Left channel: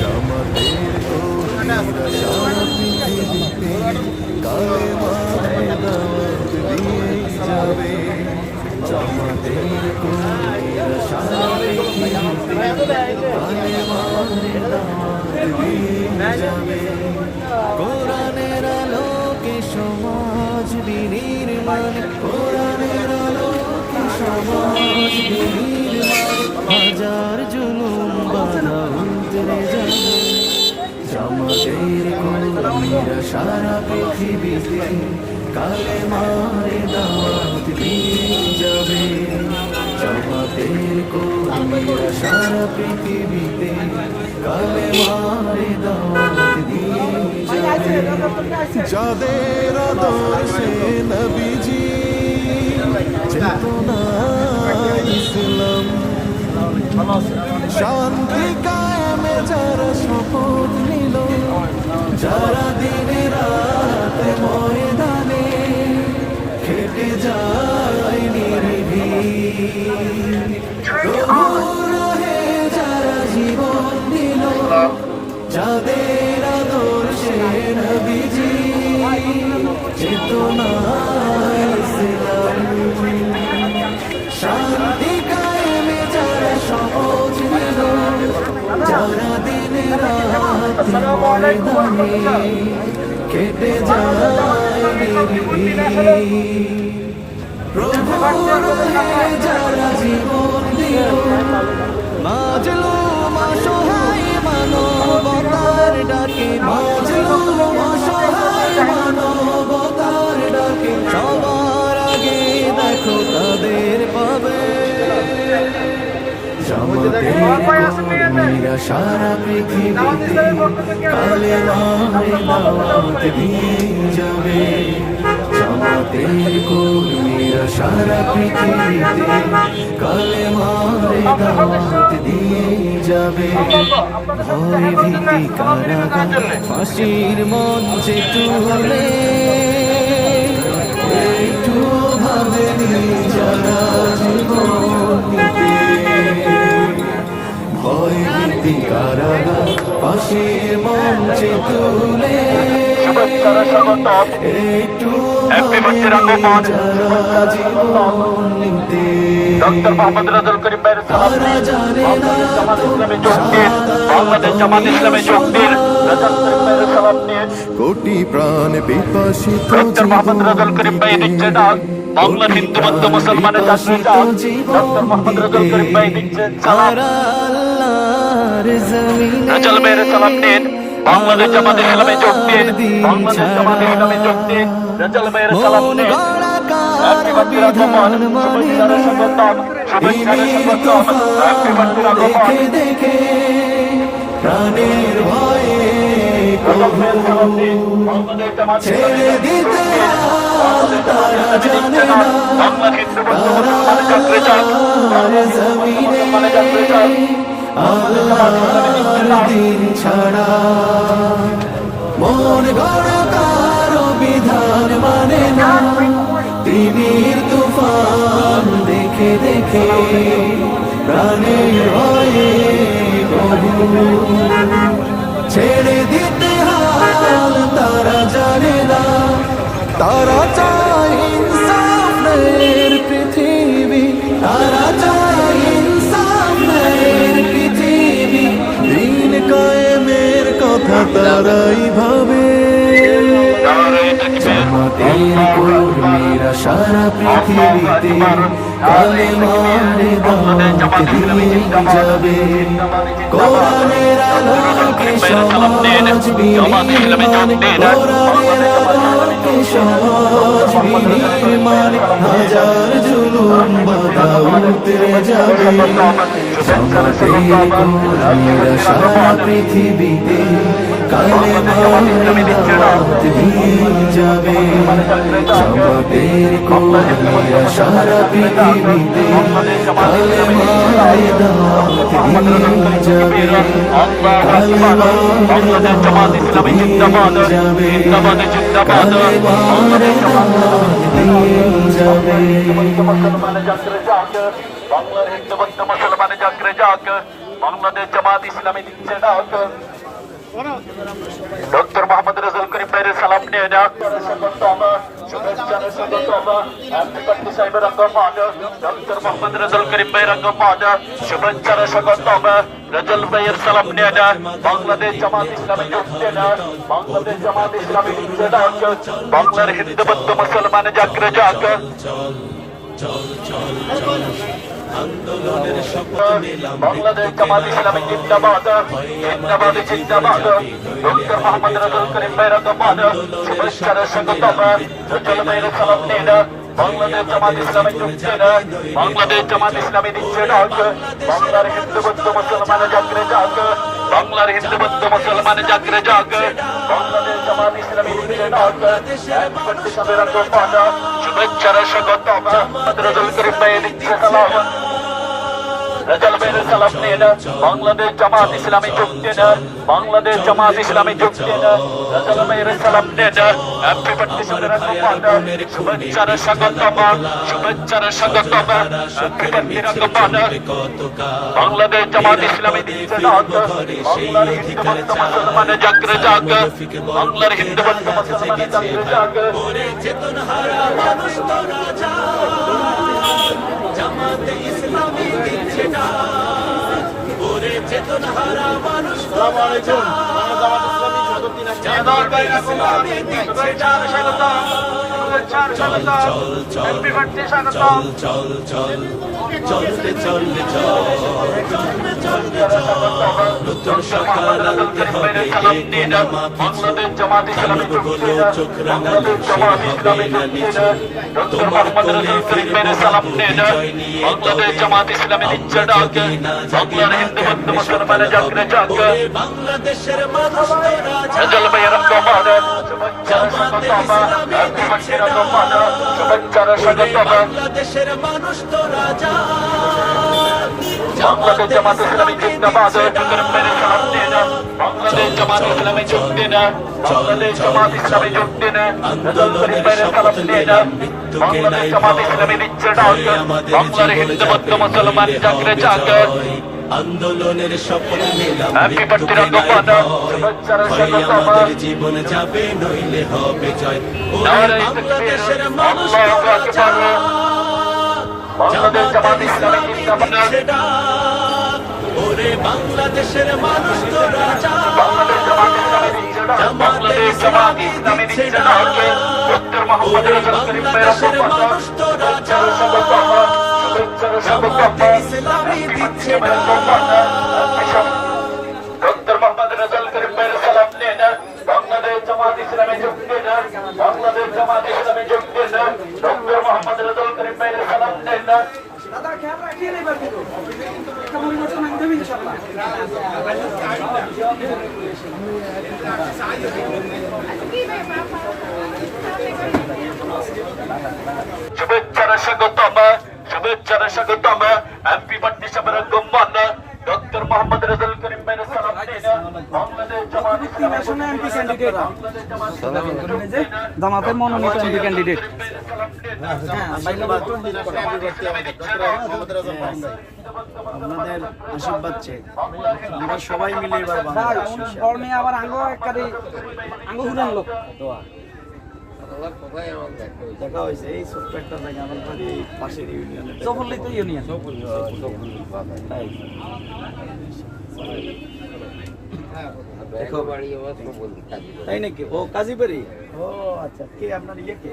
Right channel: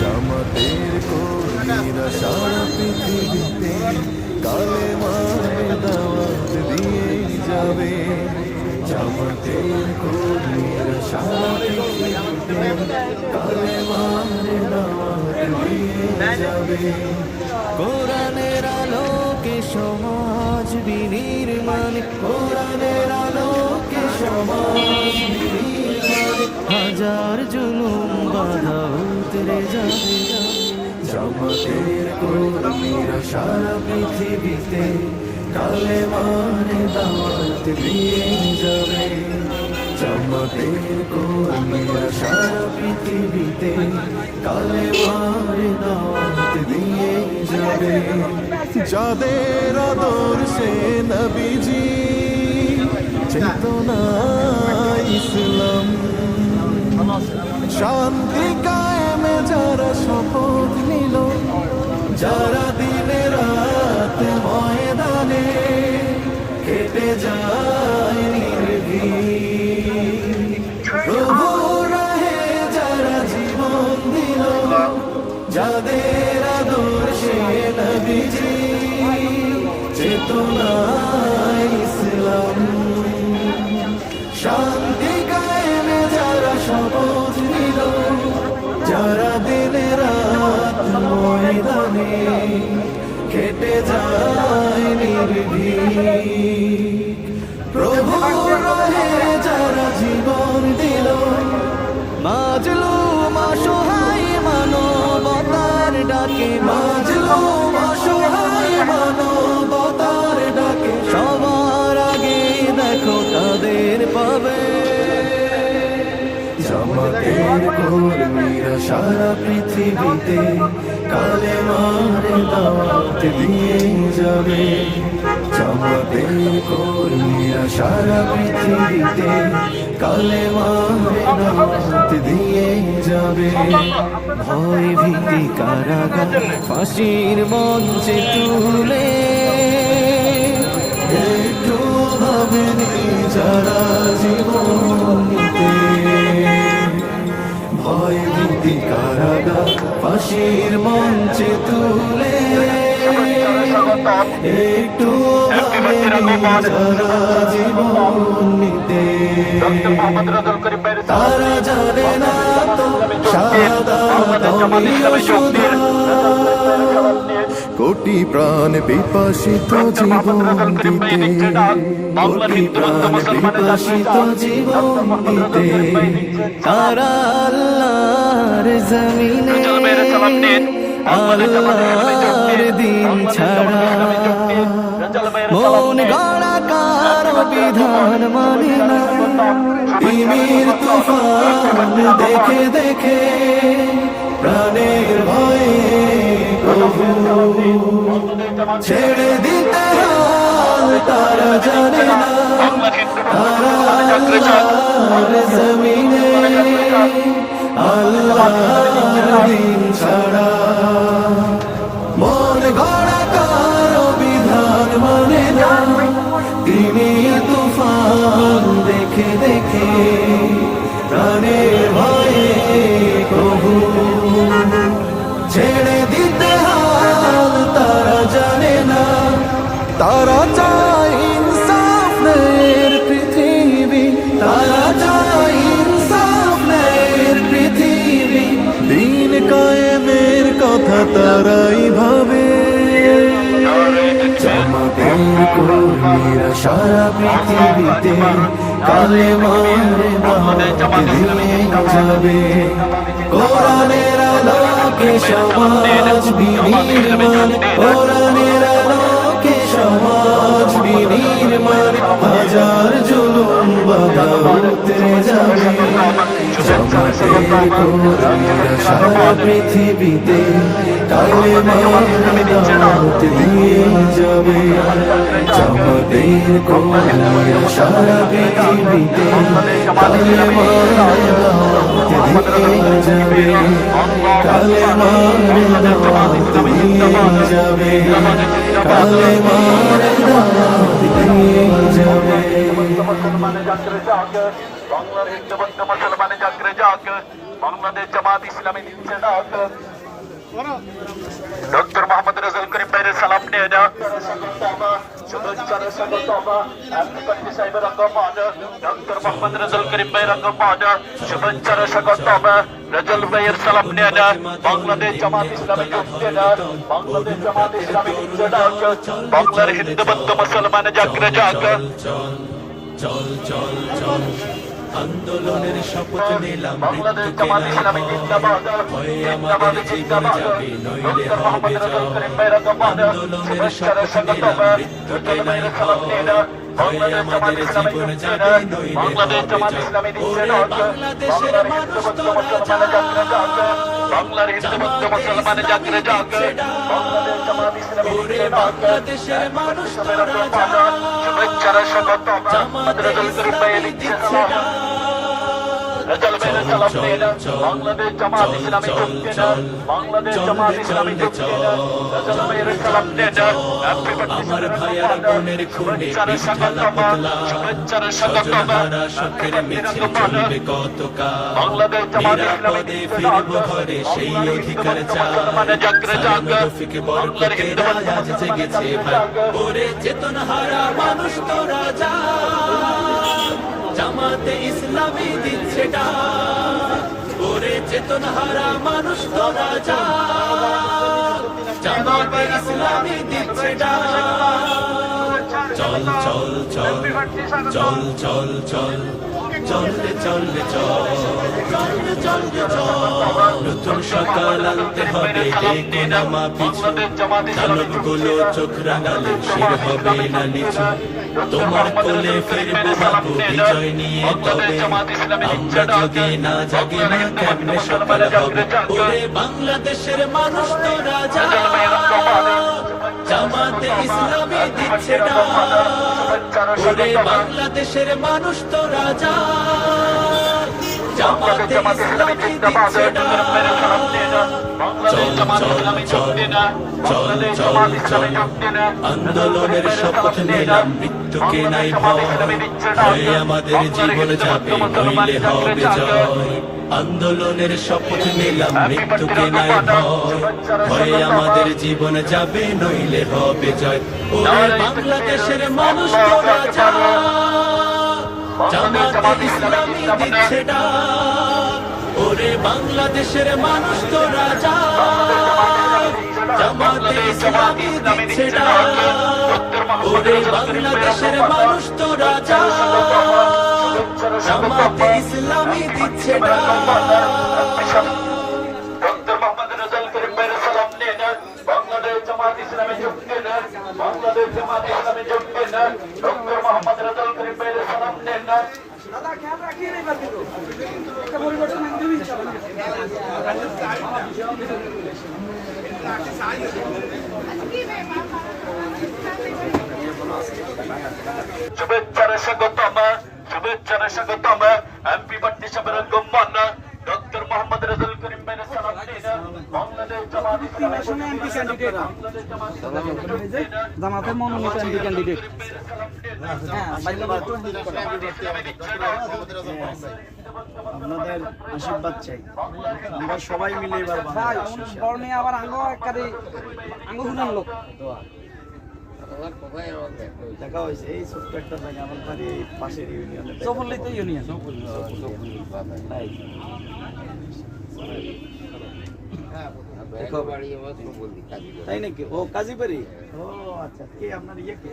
জামাতের কর্মীরা সারা পৃথিবীতে কালেমার দাওয়াত দিয়েই যাবে। জামাতের কর্মীরা সারা পৃথিবীতে কালেমার দাওয়াত দিয়েই যাবে। কোরআনের আলোকে সমাজ বিনির্মাণ, কোরআনের আলোকে সমাজ বিনির্মাণ, হাজার জুলুম বাধা উতরে যাবে। জামাতের কর্মীরা সারা পৃথিবীতে কালেমার দাওয়াত দিয়েই যাবে। জামাতের কর্মীরা সারা পৃথিবীতে কালেমার দাওয়াত দিয়েই যাবে। যাদের আদর্শে নবীজি চেতনা ইসলাম, শান্তি কায়েমে যারা শপথ নিল, যারা দিনে রাতে ময়দানে কেটে যায় নির্ভীক, প্রভুর রাহে যারা জীবন দিল, যাদের আদর্শে নবীজি চেতনা ইসলাম, শান্তি কায়েমে যারা শপথ নিল, যারা দিনে রাত ময়দানে কেটে যায় নির্ভীক, প্রভুর রাহে যারা জীবন দিল, মাজলুম অসহায় মানবতার ডাকে, মাজলুম অসহায় মানবতার ডাকে, সবার আগে দেখো তাদের পাবে। জামাতের কর্মীরা সারা পৃথিবীতে কালেমার দাওয়াত দিয়েই যাবে। জামাতের কর্মীরা সারা পৃথিবীতে কালেমার দাওয়াত দিয়েই যাবে। ভয় ভীতি কারাগার ফাঁসির মঞ্চে তুলে একটু ভাবেনি যারা জীবন দিতে। ভয় ভীতি কারাগার ফাঁসির মঞ্চে তুলে একটু ভাবেনি যারা জীবন নিতে। তারা জানে না তো কোটি প্রাণ বিপাসিত জীবন দিতে, কোটি প্রাণ বিপাসিত জীবন দিতে, তারা আল্লাহর জমিনে আল্লাহর দিন ছাড়া মন গড়া কারো বিধান মানে না। তিমির তুফান দেখে দেখে প্রাণের ভয়ে ছেড়ে দিতে হাল তারা জানে না। তারা আল্লাহর জমিনে আল্লাহর দিন ছাড়া মন গড়া কারো বিধান মানে না। তিমির তুফান দেখে দেখে প্রাণের ভয়ে প্রভু ছেড়ে দিতে হাল তারা জানে না। তারা চায় ইনসাফ নের পৃথিবী, তারা চায় ইনসাফ নের পৃথিবী, দিন কায়েমের কথা তারাই ভাবে। জামাতের কর্মীরা সারা পৃথিবীতে কালেমার দাওয়াত দিয়ে যাবে। কোরআনের আলোকে সমাজ বিনির্মাণ, কোরআনের আলোকে সমাজ বিনির্মাণ, হাজার জুলুম বাধা উতরে যাবে। জামাতের কর্মীরা সারা পৃথিবীতে কালেমার দাওয়াত দিয়ে যাবে জামাতের কর্মীরা সারা পৃথিবীতে কালেমার দাওয়াত দিয়ে যাবে কালেমার দাওয়াত দিয়ে যাবে কালেমার দাওয়াত দিয়ে যাবে বাংলার হিন্দুবন্ধু মুসলমান জাগরে জাগ বাংলাদেশ জামাত ইসলামী দিচ্ছে ডাক ডক্টর মোহাম্মদ রাজুল করিম ভাইয়ের সালাম নিয়ে যাক ডক্টর মোহাম্মদ রাজুল করিম ভাইয়ের অঙ্গমাজ শুভেচ্ছার স্বাগতম রাজুল ভাইয়ের সালাম নিয়ে যাক বাংলাদেশ জামাত ইসলামী দিচ্ছে ডাক বাংলাদেশ জামাত ইসলামী দিচ্ছে ডাক বাংলার হিন্দুবন্ধু মুসলমান জাগরে জাগ চল চল চল আন্দোলনের শপথ নিলাম বাংলাদেশ জামাত ইসলামী জিন্দাবাদ হয় আমাদের জীবন যাবে নইলে হবে জয় আন্দোলনের শপথ নিলাম মৃত্যুকে নাই ভয় হয় আমাদের জীবন যাবে নইলে হবে জয় বাংলাদেশের মানুষ তোরা বাংলার হিন্দুবন্ধু মুসলমান জাগরে জাগ বাংলাদেশের মানুষ তোরা শুভেচ্ছার স্বাগতম রাজুল করিম ভাইয়ের দিচ্ছে রাজুল ভাইয়ের সালাম নিয়ে যাক বাংলাদেশ জামাত ইসলামী যুক্তি না বাংলাদেশ জামাত ইসলামী যুক্তি না রাজুল ভাইয়ের সালাম নিয়ে যাক আমার ভাইয়ার বোনের খুনে শুভেচ্ছার স্বাগতম শোকের মিছিল চলবে কতকাল বাংলাদেশ জামাত ইসলামী ফিরব ঘরে সেই অধিকার চাই রফিক বাংলার বরকতের আজ জেগেছে ভাই ওরে চেতনহারা মানুষ তোরা যা জামাতে ইসলামী দিচ্ছে ডাক ওরে চেতনহারা মানুষ তোরা যা জামাতে ইসলামী দিচ্ছে ডাক চল চল চল চল চল চল চলতে চলতে চলতে চলতে চল নতুন সকাল আনতে হবে যে কোনা মাপিছু দানব গুলো চোখ রাঙালে শির হবে না নিচু তোমার কোলে ফিরবো বাবু বিজয় নিয়ে তবে আমরা যদি না জাগি না কেমনে সকাল হবে ওরে বাংলাদেশের মানুষ তোরা যা জামাতে ইসলামী দিচ্ছে ডাক ওরে বাংলাদেশের মানুষ তোরা যা জামাতে ইসলামী দিচ্ছে ডাক চল চল চল চল চল চল আন্দোলনের শপথ নিলাম মৃত্যুকে নাই ভয় হয় আমাদের জীবন যাবে নইলে হবে জয় আন্দোলনের শপথ নিলাম মৃত্যুকে নাই ভয় হয় আমাদের জীবন যাবে নইলে হবে জয় ওরে বাংলাদেশের মানুষ তোরা যা জামাতে ইসলামী দিচ্ছে ডাক ওরে বাংলাদেশের মানুষ তোরা যা জামাতে ইসলামী দিচ্ছে ডাক ওরে বাংলাদেশের মানুষ তোরা যা জামাতে ইসলামী দিচ্ছে ডাক ডক্টর মোহাম্মদ রাজুল করিম ভাইয়ের সালাম নিয়ে যাক বাংলাদেশ জামাত ইসলামী যুক্তি না বাংলাদেশ জামাত ইসলামী যুক্তি না ডক্টর মোহাম্মদ রাজুল করিম ভাইয়ের সালাম নিয়ে যাক দাদা ক্যামেরা কি রে বাকি তো একটা পরিবর্তন আমি দেব ইনশাআল্লাহ শুভেচ্ছার স্বাগতম এমপি পার্টি সাবেক গম্মান ডক্টর মোহাম্মদ রাজুল করিম ভাইয়ের সালাম নিয়ে যাক বাংলাদেশ জামাত ইসলামী এমপি ক্যান্ডিডেট জামাতের মনোনীত এমপি ক্যান্ডিডেট আপনাদের আশীর্বাদ চাই আমরা সবাই মিলে এবার ভাই বর্ণে আবার আঙ্গ একবারে আঙ্গ হুনান লোক দেখা হয়েছে এই ছোট্ট একটা জায়গা আমার বাড়ি এই পাশের ইউনিয়নে জফরলি তো ইউনিয়ন তাই নাকি ও কাজীবাড়ি ও আচ্ছা কে আপনার ইয়ে কে